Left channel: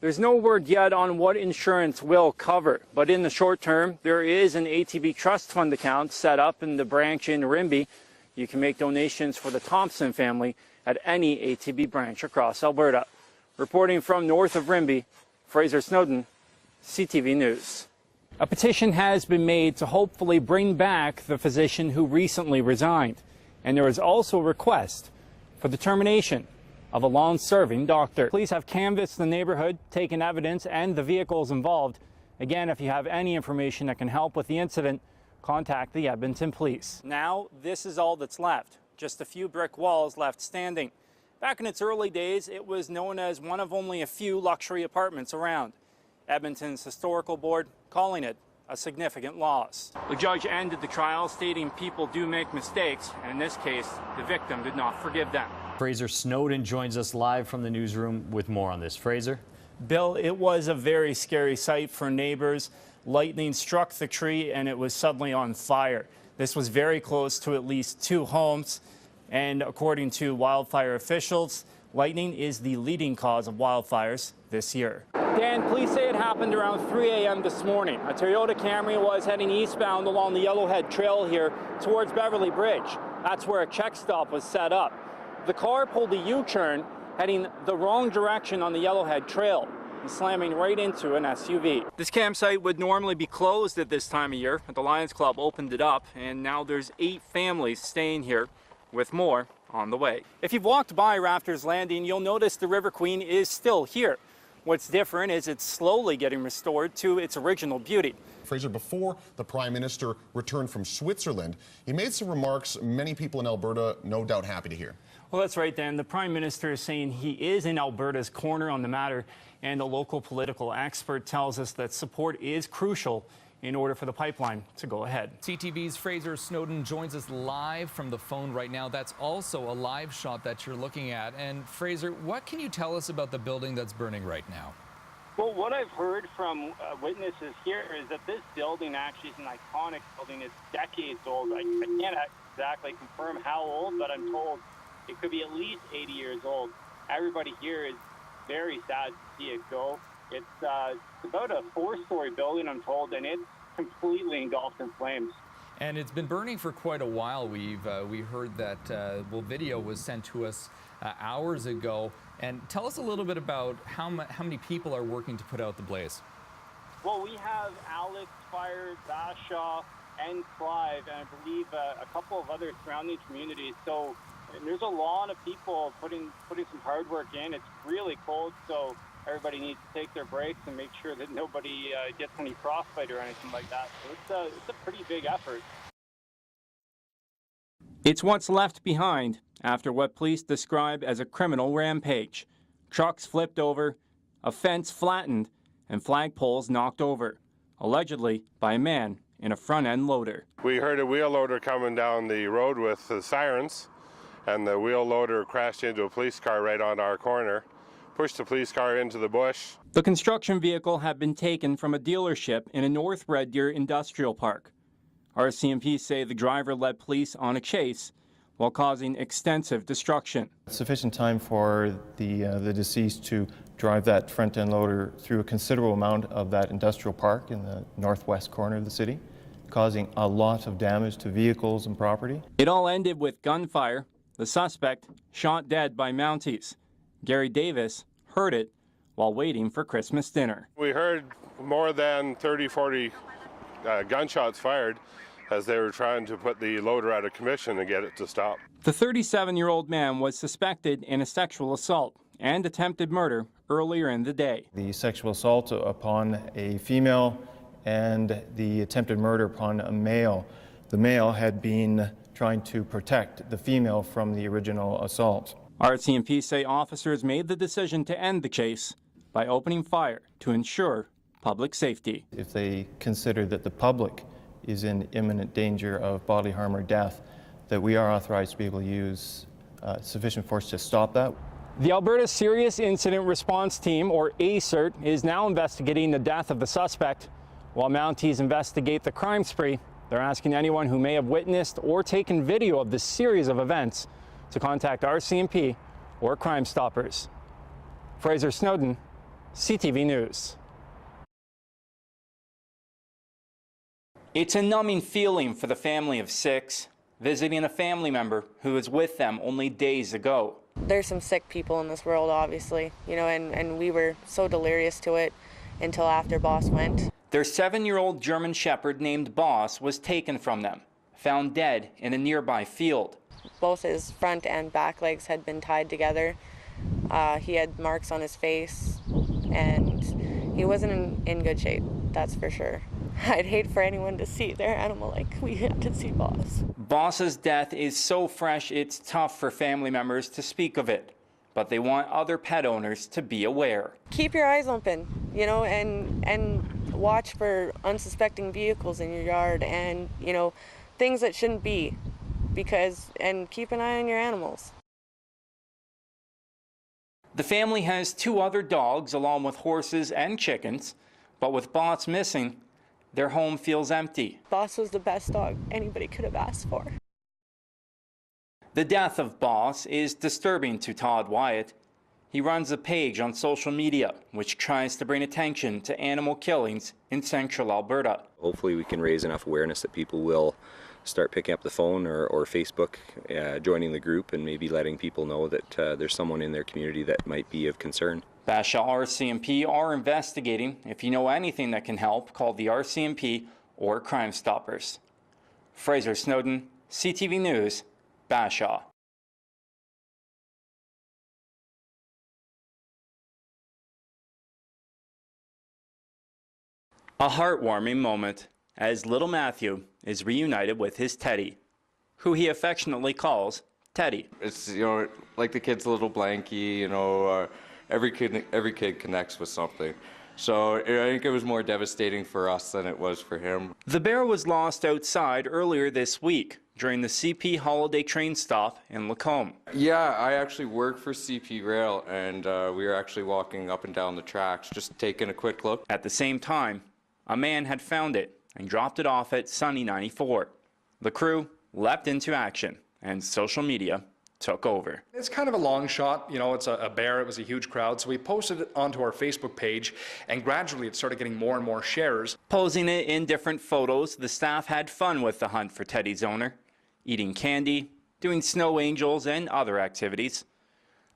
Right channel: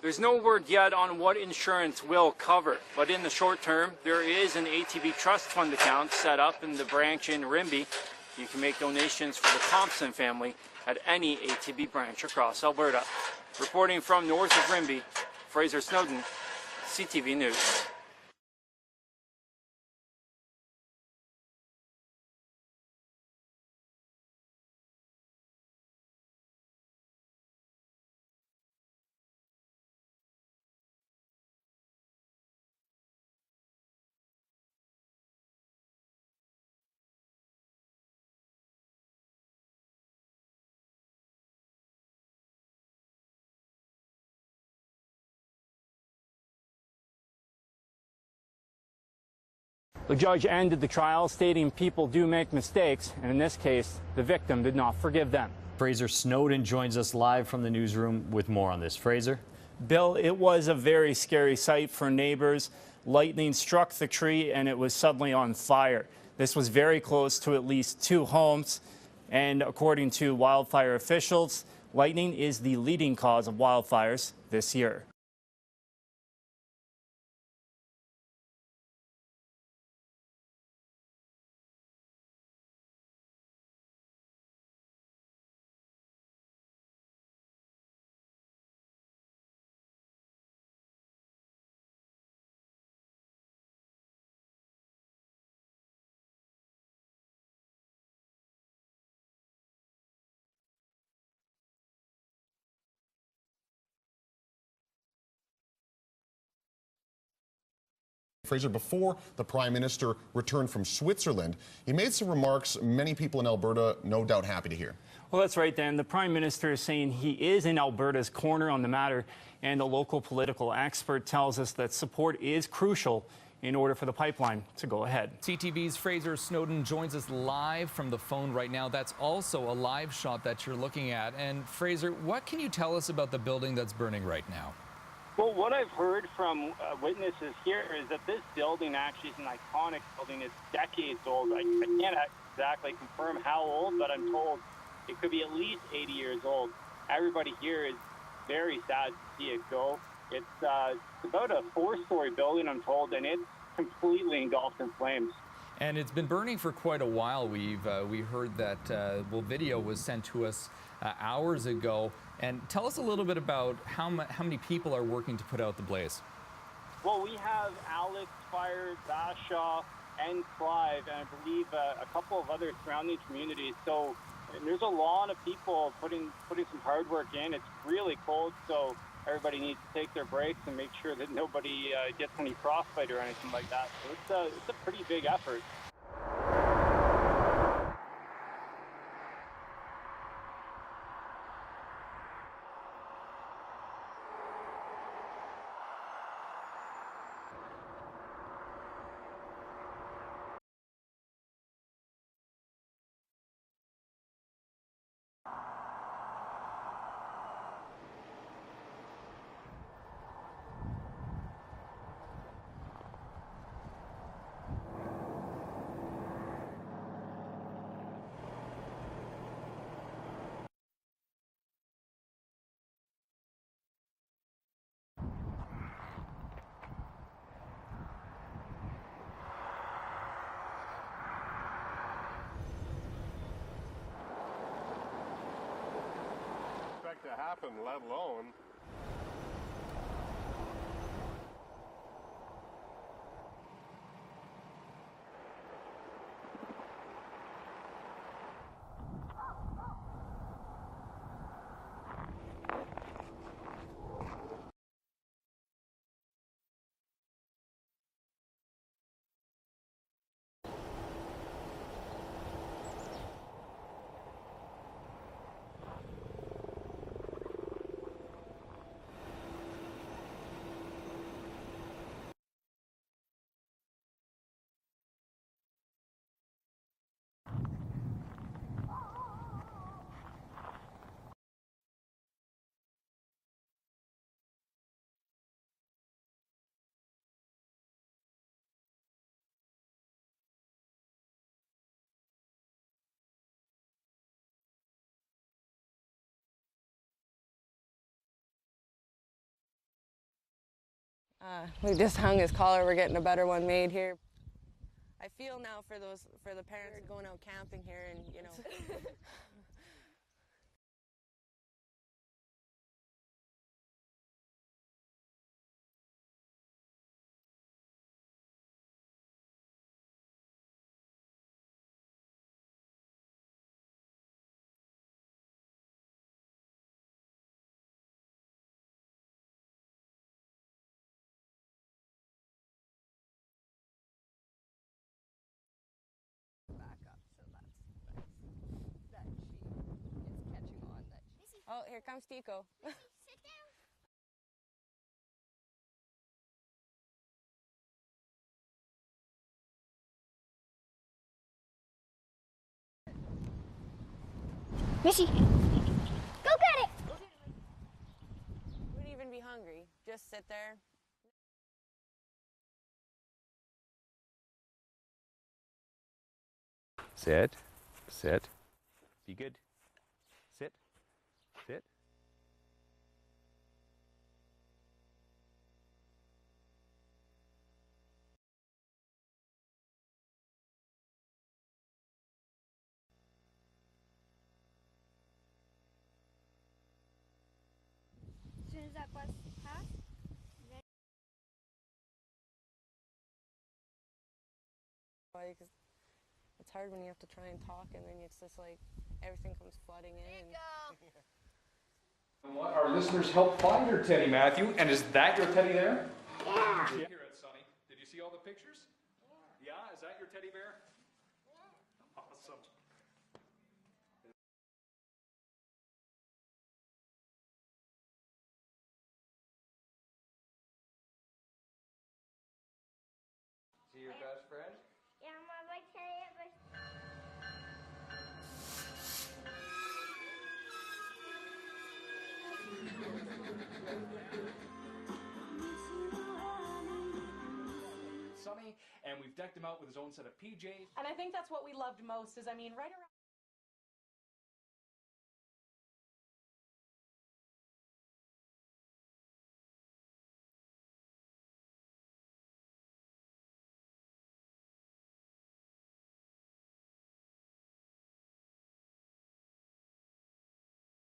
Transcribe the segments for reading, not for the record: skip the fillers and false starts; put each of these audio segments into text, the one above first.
There's no word yet on what insurance will cover, but in the short term, there is an ATB trust fund account set up in the branch in Rimbey. You can make donations for the Thompson family at any ATB branch across Alberta. Reporting from north of Rimbey, Frazer Snowdon, CTV News. A petition has been made to hopefully bring back the physician who recently resigned. And there is also a request for the termination of a long-serving doctor. Police have canvassed the neighborhood, taken evidence and the vehicles involved. Again, if you have any information that can help with the incident, contact the Edmonton Police. Now, this is all that's left. Just a few brick walls left standing. Back in its early days, it was known as one of only a few luxury apartments around. Edmonton's historical board calling it a significant loss. The judge ended the trial, stating people do make mistakes, and in this case, the victim did not forgive them. Frazer Snowdon joins us live from the newsroom with more on this. Frazer? Bill, it was a very scary sight for neighbors. Lightning struck the tree and it was suddenly on fire. This was very close to at least 2 homes, and according to wildfire officials, lightning is the leading cause of wildfires this year. Dan, police say it happened around 3 a.m. this morning. A Toyota Camry was heading eastbound along the Yellowhead Trail here towards Beverly Bridge. That's where a check stop was set up. The car pulled a U-turn, heading the wrong direction on the Yellowhead Trail, slamming right into an SUV. This campsite would normally be closed at this time of year, but the Lions Club opened it up, and now there's 8 families staying here, with more on the way. If you've walked by Rafters Landing, you'll notice the River Queen is still here. What's different is it's slowly getting restored to its original beauty. Frazer, before the Prime Minister returned from Switzerland, he made some remarks many people in Alberta no doubt happy to hear. Well, that's right, Dan. The Prime Minister is saying he is in Alberta's corner on the matter, and a local political expert tells us that support is crucial in order for the pipeline to go ahead. CTV's Frazer Snowdon joins us live from the phone right now. That's also a live shot that you're looking at. And Frazer, what can you tell us about the building that's burning right now? Well, what I've heard from witnesses here is that this building actually is an iconic building. It's decades old. I can't exactly confirm how old, but I'm told it could be at least 80 years old. Everybody here is very sad to see it go. It's about a 4-story building, I'm told, and it's completely engulfed in flames. And it's been burning for quite a while. We heard that video was sent to us hours ago. And tell us a little bit about how many people are working to put out the blaze. Well, we have Alex, Fire, Bashaw, and Clive, and I believe a couple of other surrounding communities. So there's a lot of people putting some hard work in. It's really cold, so everybody needs to take their breaks and make sure that nobody gets any frostbite or anything like that. So it's a pretty big effort. It's what's left behind after what police describe as a criminal rampage. Trucks flipped over, a fence flattened, and flagpoles knocked over, allegedly by a man in a front-end loader. We heard a wheel loader coming down the road with the sirens, and the wheel loader crashed into a police car right on our corner, pushed the police car into the bush. The construction vehicle had been taken from a dealership in a North Red Deer industrial park. RCMP say the driver led police on a chase while causing extensive destruction. Sufficient time for the deceased to drive that front-end loader through a considerable amount of that industrial park in the northwest corner of the city, causing a lot of damage to vehicles and property. It all ended with gunfire. The suspect shot dead by Mounties. Gary Davis heard it while waiting for Christmas dinner. We heard more than 30-40 gunshots fired as they were trying to put the loader out of commission and get it to stop. The 37-year-old man was suspected in a sexual assault and attempted murder earlier in the day. The sexual assault upon a female and the attempted murder upon a male. The male had been trying to protect the female from the original assault. RCMP say officers made the decision to end the chase by opening fire to ensure public safety. If they consider that the public is in imminent danger of bodily harm or death, that we are authorized to be able to use sufficient force to stop that. The Alberta Serious Incident Response Team, or ASIRT, is now investigating the death of the suspect. While Mounties investigate the crime spree, they're asking anyone who may have witnessed or taken video of this series of events to contact RCMP or Crime Stoppers. Frazer Snowdon, CTV News. We just hung his collar. We're getting a better one made here. It's a numbing feeling for the family of 6, visiting a family member who was with them only days ago. There's some sick people in this world, obviously, you know, and we were so delirious to it until after Boss went. Their 7-year-old German Shepherd named Boss was taken from them, found dead in a nearby field. Both his front and back legs had been tied together. He had marks on his face, and he wasn't in good shape, that's for sure. I'd hate for anyone to see their animal like we had to see Boss. Boss's death is so fresh, it's tough for family members to speak of it, but they want other pet owners to be aware. Keep your eyes open, you know, and watch for unsuspecting vehicles in your yard and, you know, things that shouldn't be, and keep an eye on your animals. Missy, go get it! The family has 2 other dogs along with horses and chickens, but with Boss missing, their home feels empty. Boss was the best dog anybody could have asked for. Sit. The death of Boss is disturbing to Todd Wyatt. He runs a page on social media which tries to bring attention to animal killings in Central Alberta. Hopefully we can raise enough awareness that people will start picking up the phone or Facebook, joining the group, and maybe letting people know that there's someone in their community that might be of concern. Basha RCMP are investigating. If you know anything that can help, call the RCMP or Crime Stoppers. Frazer Snowdon, CTV News, Basha. Everything comes flooding in. Our listeners helped find your teddy, Matthew, and is that your teddy there? A heartwarming moment as little Matthew is reunited with his teddy, who he affectionately calls Teddy. It's, you know, like the kid's little blankie, you know, every kid connects with something. So I think it was more devastating for us than it was for him. The bear was lost outside earlier this week during the CP holiday train stop in Lacombe. Yeah, I actually work for CP Rail, and we were actually walking up and down the tracks, just taking a quick look. At the same time, a man had found it and dropped it off at Sunny 94. The crew leapt into action, and social media took over. It's kind of a long shot, you know, it's a bear, it was a huge crowd, so we posted it onto our Facebook page, and gradually it started getting more and more shares. Posing it in different photos, the staff had fun with the hunt for Teddy's owner, eating candy, doing snow angels, and other activities.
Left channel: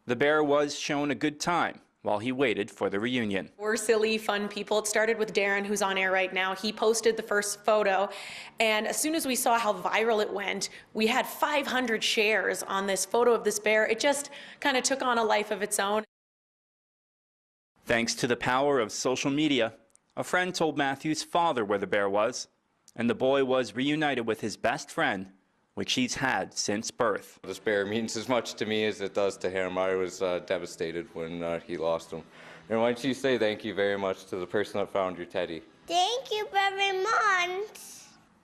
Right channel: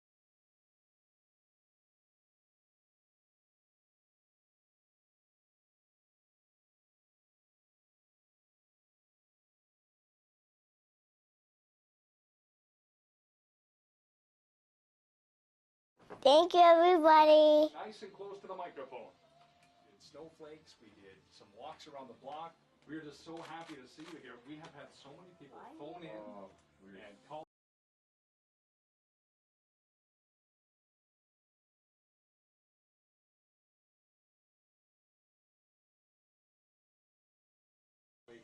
The bear was shown a good time while he waited for the reunion. We're silly, fun people. It started with Darren, who's on air right now. He posted the first photo, and as soon as we saw how viral it went, we had 500 shares on this photo of this bear. It just kind of took on a life of its own. Thank you, everybody. Thanks to the power of social media, a friend told Matthew's father where the bear was, and the boy was reunited with his best friend, which he's had since birth. This bear means as much to me as it does to him. I was devastated when he lost him. And why don't you say thank you very much to the person that found your teddy? Thank you very much.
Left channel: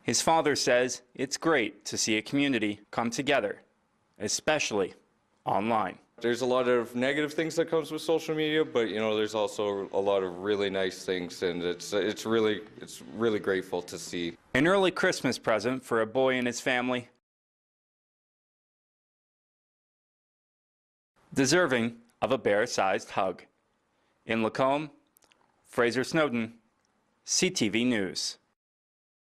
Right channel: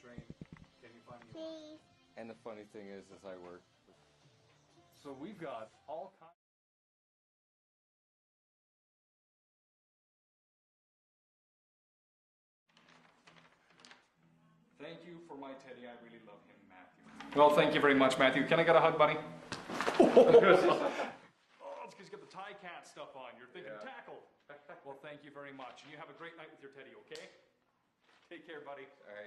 His father says it's great to see a community come together, especially online. There's a lot of negative things that comes with social media, but you know, there's also a lot of really nice things, and it's really grateful to see. An early Christmas present for a boy and his family. Well, thank you very much, Matthew. Can I get a hug, buddy? Deserving of a bear-sized hug. In Lacombe, Frazer Snowdon, CTV News.